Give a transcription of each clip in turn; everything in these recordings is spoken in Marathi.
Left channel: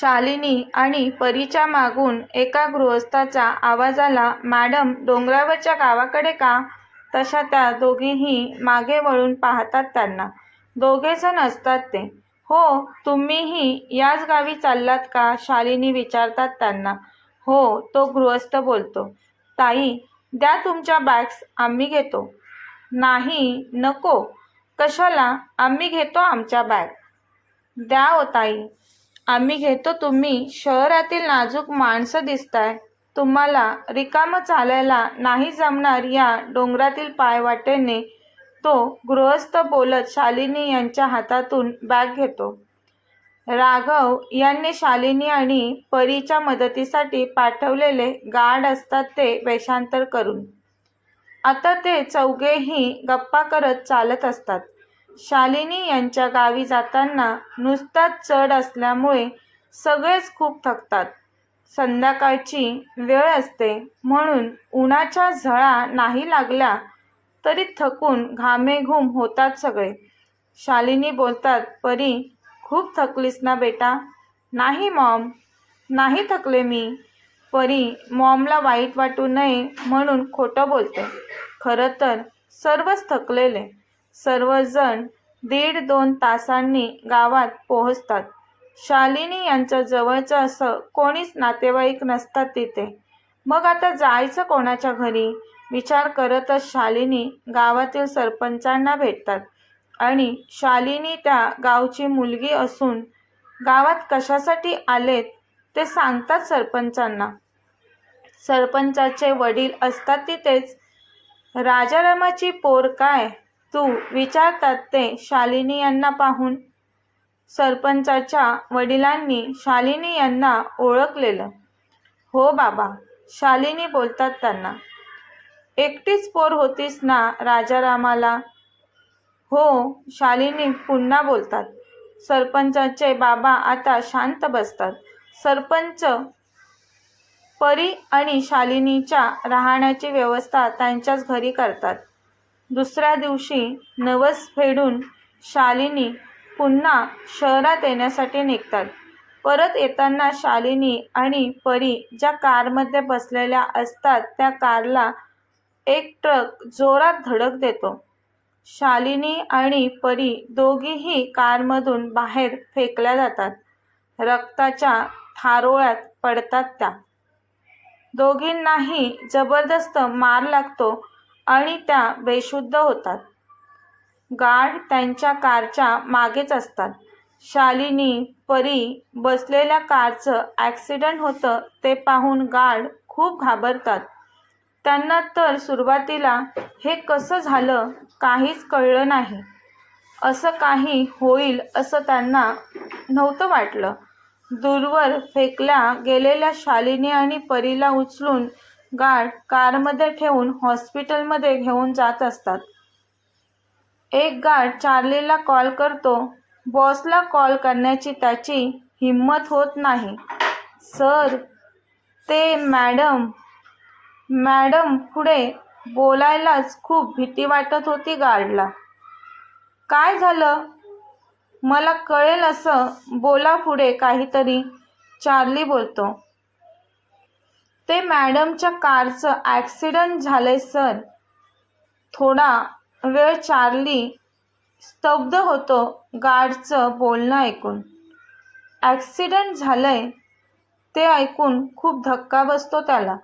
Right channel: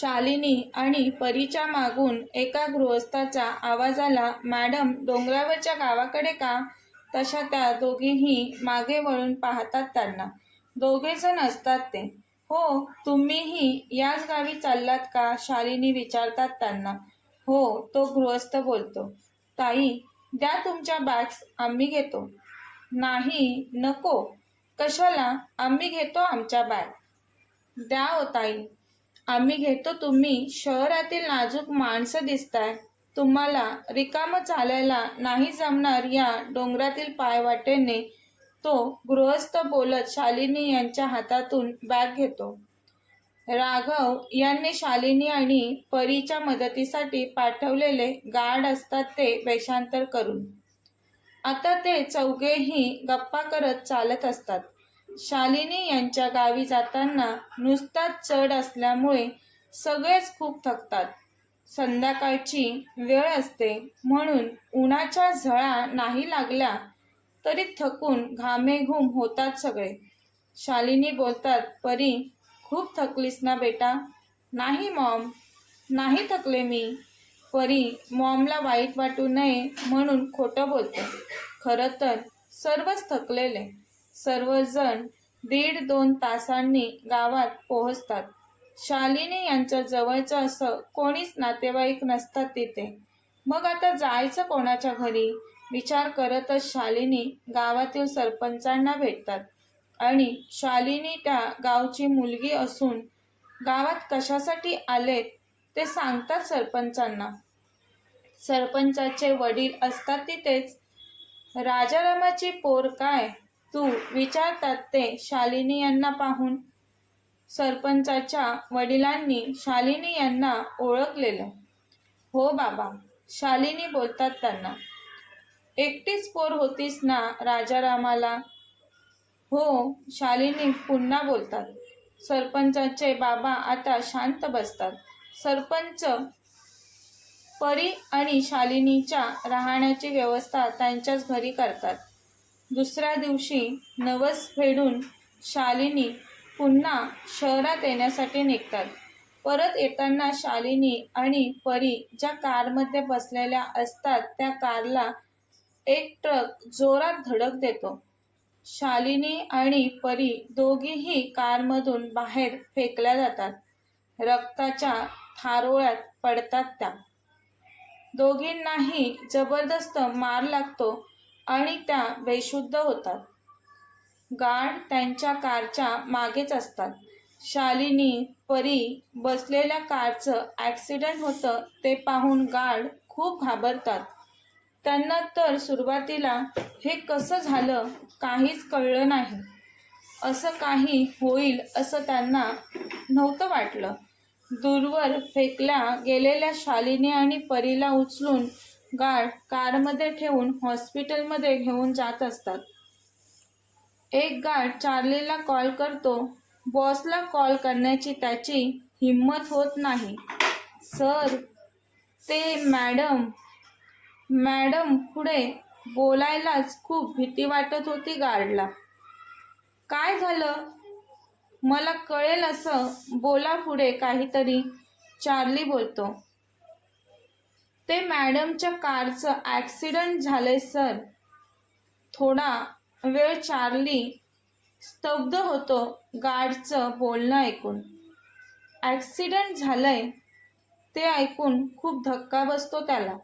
शालिनी आणि परीच्या मागून एका गृहस्थाचा आवाज आला मॅडम डोंगरावरच्या गावाकडे का? तशा त्या दोघीही मागे वळून पाहतात त्यांना. दोघेजण असतात ते. हो तुम्हीही याच गावी चाललात का? शालिनी विचारतात त्यांना. हो तो गृहस्थ बोलतो. ताई द्या तुमच्या बॅग्स आम्ही घेतो. नाही नको. कशाला? आम्ही घेतो आमच्या बॅग. द्या हो ताई. आम्ही घेतो तुम्ही शहरातील नाजूक माणसं दिसताय. तुम्हाला रिकामं चालायला नाही जमणार या डोंगरातील पायवाटेने. तो गृहस्थ बोलत शालिनी यांच्या हातातून बॅग घेतो. राघव यांनी शालिनी आणि परीच्या मदतीसाठी पाठवलेले गार्ड असतात ते वेषांतर करून. आता ते चौघेही गप्पा करत चालत असतात. शालिनी यांच्या गावी जाताना नुसताच चढ असल्यामुळे सगळेच खूप थकतात. संध्याकाळची वेळ असते म्हणून उन्हाच्या झळा नाही लागल्या तरी थकून घामेघूम होतात सगळे. शालिनी बोलतात परी खूप थकलीस ना बेटा? नाही मॉम. नाही थकले मी. परी मॉमला वाईट वाटू नये म्हणून खोटं बोलते. खरं तर सर्वच थकलेले. सर्वजण दीड दोन तासांनी गावात पोहोचतात. शालिनी यांच्या जवळचं असं कोणीच नातेवाईक नसतात तिथे. मग आता जायचं कोणाच्या घरी? विचार करतच शालिनी गावातील सरपंचांना भेटतात. आणि शालिनी त्या गावची मुलगी असून गावात कशासाठी आलेत ते सांगतात सरपंचांना. सरपंचाचे वडील असतात तिथेच. राजारामाची पोर काय? तू विचारतात ते शालिनी यांना पाहून सरपंचाच्या वडिलांनी शालिनी यांना ओळखलेलं. हो बाबा शालिनी बोलतात त्यांना. एकटीच पोर होतीस ना राजारामाला? हो शालिनी पुन्हा बोलतात. सरपंचाचे बाबा आता शांत बसतात. सरपंच परी आणि शालिनीच्या राहण्याची व्यवस्था त्यांच्याच घरी करतात. दुसऱ्या दिवशी नवस फेडून शालिनी पुन्हा शहरात येण्यासाठी निघतात. परत येताना शालिनी आणि परी ज्या कारमध्ये बसलेल्या असतात त्या कारला एक ट्रक जोरात धडक देतो. शालिनी आणि परी दोघीही कारमधून बाहेर फेकल्या जातात. रक्ताच्या थारोळ्यात पडतात त्या. दोघींनाही जबरदस्त मार लागतो. आणि त्या बेशुद्ध होतात. गार्ड त्यांच्या कारच्या मागेच असतात. शालिनी परी बसलेल्या कारचं ॲक्सिडंट होतं ते पाहून गार्ड खूप घाबरतात. त्यांना तर सुरुवातीला हे कसं झालं काहीच कळलं नाही. असं काही होईल असं त्यांना नव्हतं वाटलं. दूरवर फेकल्या गेलेल्या शालिनी आणि परीला उचलून गार्ड कारमध्ये ठेवून हॉस्पिटलमध्ये घेऊन जात असतात. एक गार्ड चार्लीला कॉल करतो. बॉसला कॉल करण्याची त्याची हिम्मत होत नाही. सर ते मॅडम मॅडम पुढे बोलायलाच खूप भीती वाटत होती गार्डला काय झालं? मला कळेल असं बोला पुढे काहीतरी चार्ली बोलतो. ते मॅडमच्या कारचं ॲक्सिडंट झालंय सर. थोडा वेळ चार्ली स्तब्ध होतो गार्डचं बोलणं ऐकून. ॲक्सिडंट झालंय ते ऐकून खूप धक्का बसतो त्याला.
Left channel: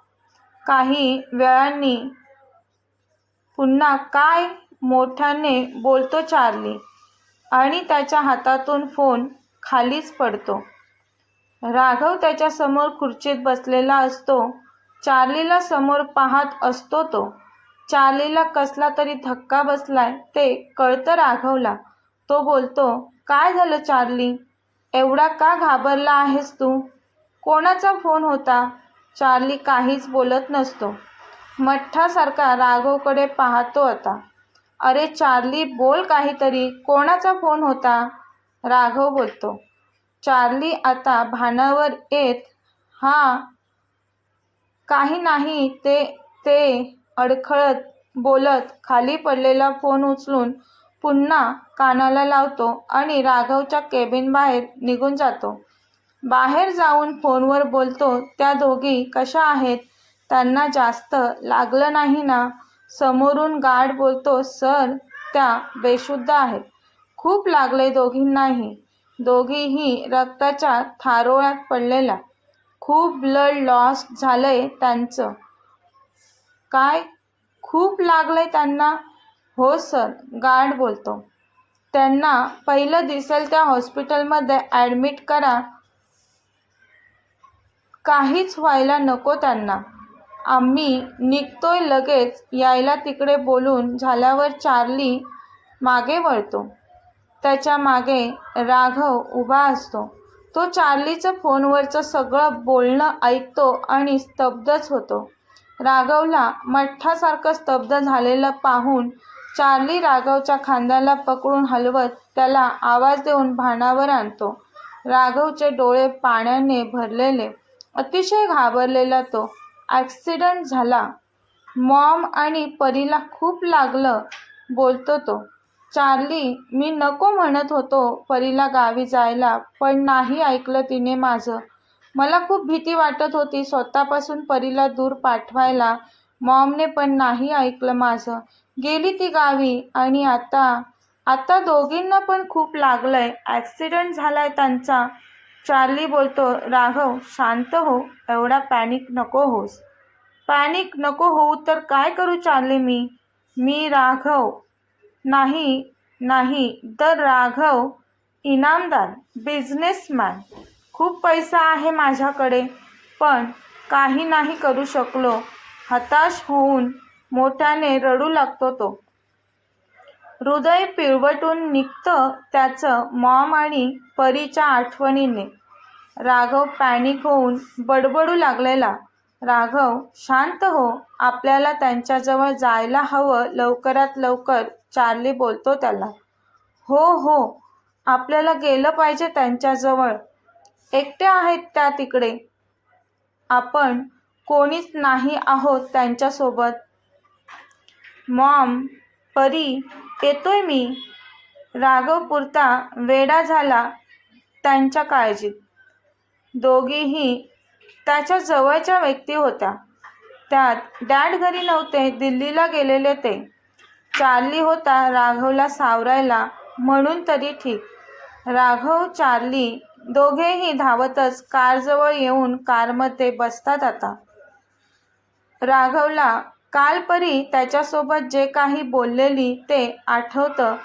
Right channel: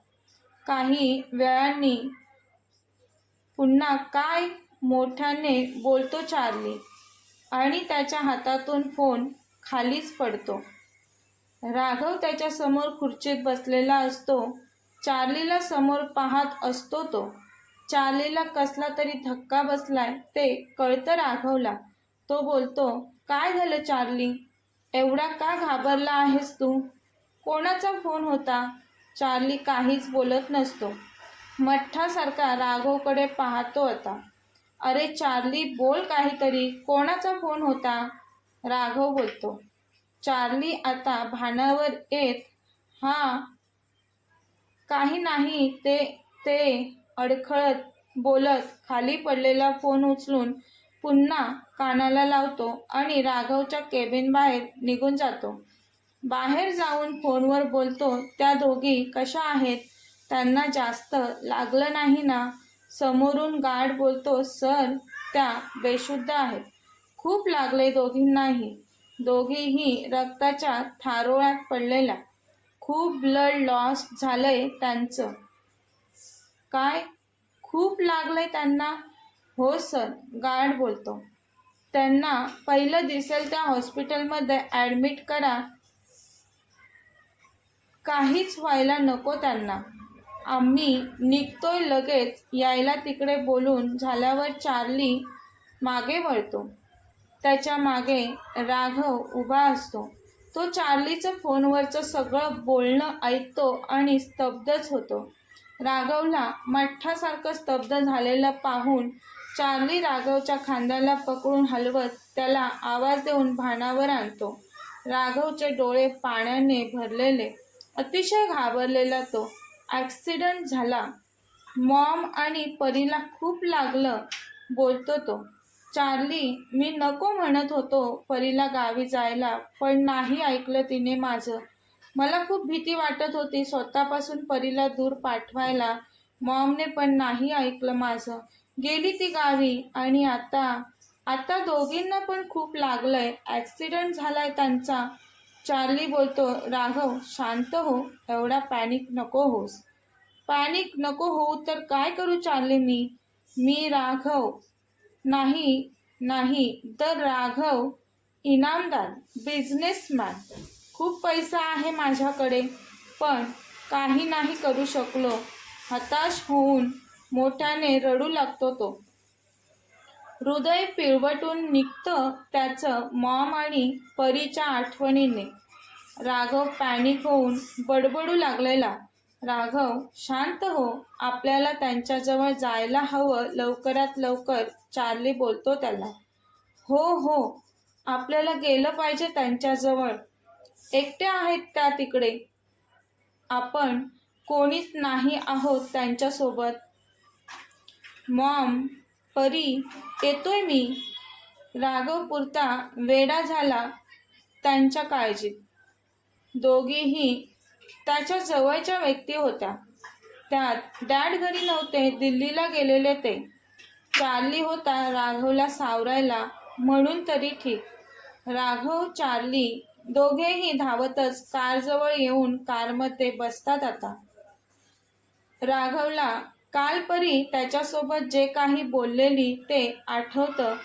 काही वेळांनी पुन्हा काय मोठ्याने बोलतो चार्ली आणि त्याच्या हातातून फोन खालीच पडतो. राघव त्याच्यासमोर खुर्चीत बसलेला असतो. चार्लीला समोर पाहत असतो तो. चार्लीला कसला तरी धक्का बसलाय ते कळतं राघवला. तो बोलतो काय झालं चार्ली? एवढा का घाबरला आहेस तू? कोणाचा फोन होता? चार्ली काहीच बोलत नसतो. मठ्ठासारखा राघवकडे पाहतो आता. अरे चार्ली बोल काहीतरी. कोणाचा फोन होता? राघव बोलतो. चार्ली आता भानावर येत हा काही नाही ते ते अडखळत बोलत खाली पडलेला फोन उचलून पुन्हा कानाला लावतो आणि राघवच्या केबिन बाहेर निघून जातो. बाहेर जाऊन फोनवर बोलतो त्या दोघी कशा आहेत? त्यांना जास्त लागलं नाही ना? समोरून गार्ड बोलतो सर त्या बेशुद्ध आहेत. खूप लागले दोघींनाही. दोघीही रक्ताच्या थारोळ्यात पडलेल्या. खूप ब्लड लॉस झालंय त्यांचं. काय? खूप लागलंय त्यांना? हो सर गार्ड बोलतो. त्यांना पहिलं दिसेल त्या हॉस्पिटलमध्ये ॲडमिट करा. काहीच व्हायला नको त्यांना. आम्ही निघतोय लगेच यायला तिकडे बोलून झाल्यावर चार्ली मागे वळतो. त्याच्यामागे राघव उभा असतो. तो चार्लीचं फोनवरचं सगळं बोलणं ऐकतो आणि स्तब्धच होतो. राघवला मठ्ठासारखं स्तब्ध झालेलं पाहून चार्ली राघवच्या खांद्याला पकडून हलवत त्याला आवाज देऊन भानावर आणतो. राघवचे डोळे पाण्याने भरलेले. अतिशय घाबरलेला तो. ॲक्सिडंट झाला. मॉम आणि परीला खूप लागलं बोलतो तो. चार्ली मी नको म्हणत होतो परीला गावी जायला पण नाही ऐकलं तिने माझं. मला खूप भीती वाटत होती स्वतःपासून परीला दूर पाठवायला. मॉमने पण नाही ऐकलं माझं. गेली ती गावी आणि आता आता दोघींना पण खूप लागलंय. ॲक्सिडेंट झालाय त्यांचा. चार्ली बोलतो राघव शांत हो एवढा पॅनिक नको होस पॅनिक नको होऊ तर काय करू चार्ली मी? मी राघव नाही नाही. तर राघव इनामदार बिझनेसमॅन खूप पैसा आहे माझ्याकडे पण काही नाही करू शकलो. हताश होऊन मोठ्याने रडू लागतो तो. हृदय पिळवटून निघतं त्याचं मॉम आणि परीच्या आठवणीने. राघव पॅनिक होऊन बडबडू लागलेला. राघव शांत हो. आपल्याला त्यांच्याजवळ जायला हवं. लवकरात लवकर. चार्ली बोलतो त्याला. हो हो. आपल्याला गेलं पाहिजे त्यांच्याजवळ. एकट्या आहेत त्या तिकडे. आपण कोणीच नाही आहोत त्यांच्यासोबत. मॉम परी येतोय मी. राघव पुरता वेडा झाला त्यांच्या काळजीत. दोघीही त्याच्या जवळच्या व्यक्ती होत्या. त्यात डॅड घरी नव्हते दिल्लीला गेलेले ते. चार्ली होता राघवला सावरायला म्हणून तरी ठीक. राघव चार्ली दोघेही धावतच कारजवळ येऊन कारमध्ये बसतात आता. राघवला कालपरी त्याच्यासोबत जे काही बोललेली ते आठवतं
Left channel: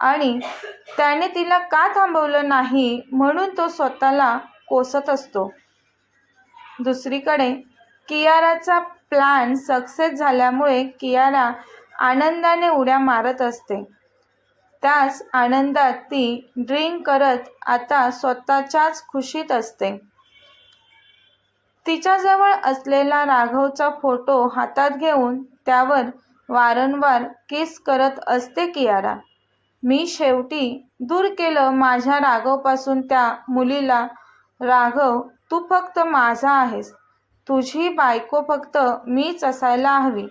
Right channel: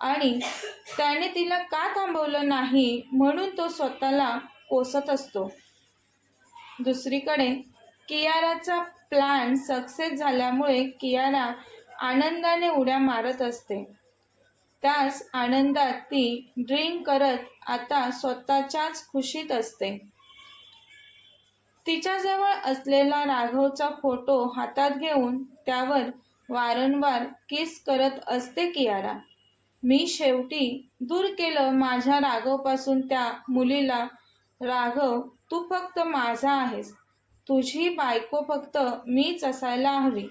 आणि त्याने तिला का थांबवलं नाही म्हणून तो स्वतःला कोसत असतो. दुसरीकडे कियाराचा प्लॅन सक्सेस झाल्यामुळे कियारा आनंदाने उड्या मारत असते. त्याच आनंदात ती ड्रिंक करत आता स्वतःच्याच खुशीत असते. तिच्याजवळ असलेला राघवचा फोटो हातात घेऊन त्यावर वारंवार किस करत असते कियारा. मी शेवटी दूर केलं माझ्या राघवपासून त्या मुलीला. राघव तू फक्त माझा आहेस. तुझी बायको फक्त मीच असायला हवी.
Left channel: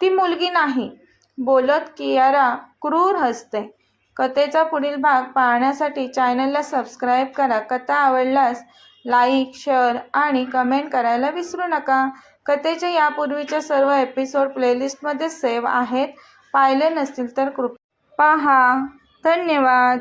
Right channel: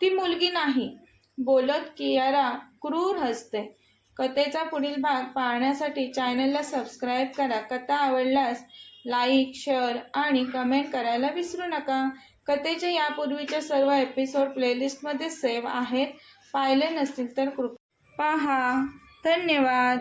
ती मुलगी नाही. बोलत कियारा क्रूर हसते. कथेचा पुढील भाग पाहण्यासाठी चॅनलला सबस्क्राईब करा. कथा आवडल्यास लाईक शेअर आणि कमेंट करायला विसरू नका. कथेचे यापूर्वीच्या सर्व एपिसोड प्लेलिस्टमध्ये सेव्ह आहेत. पाहिले नसतील तर कृपा पहा. धन्यवाद.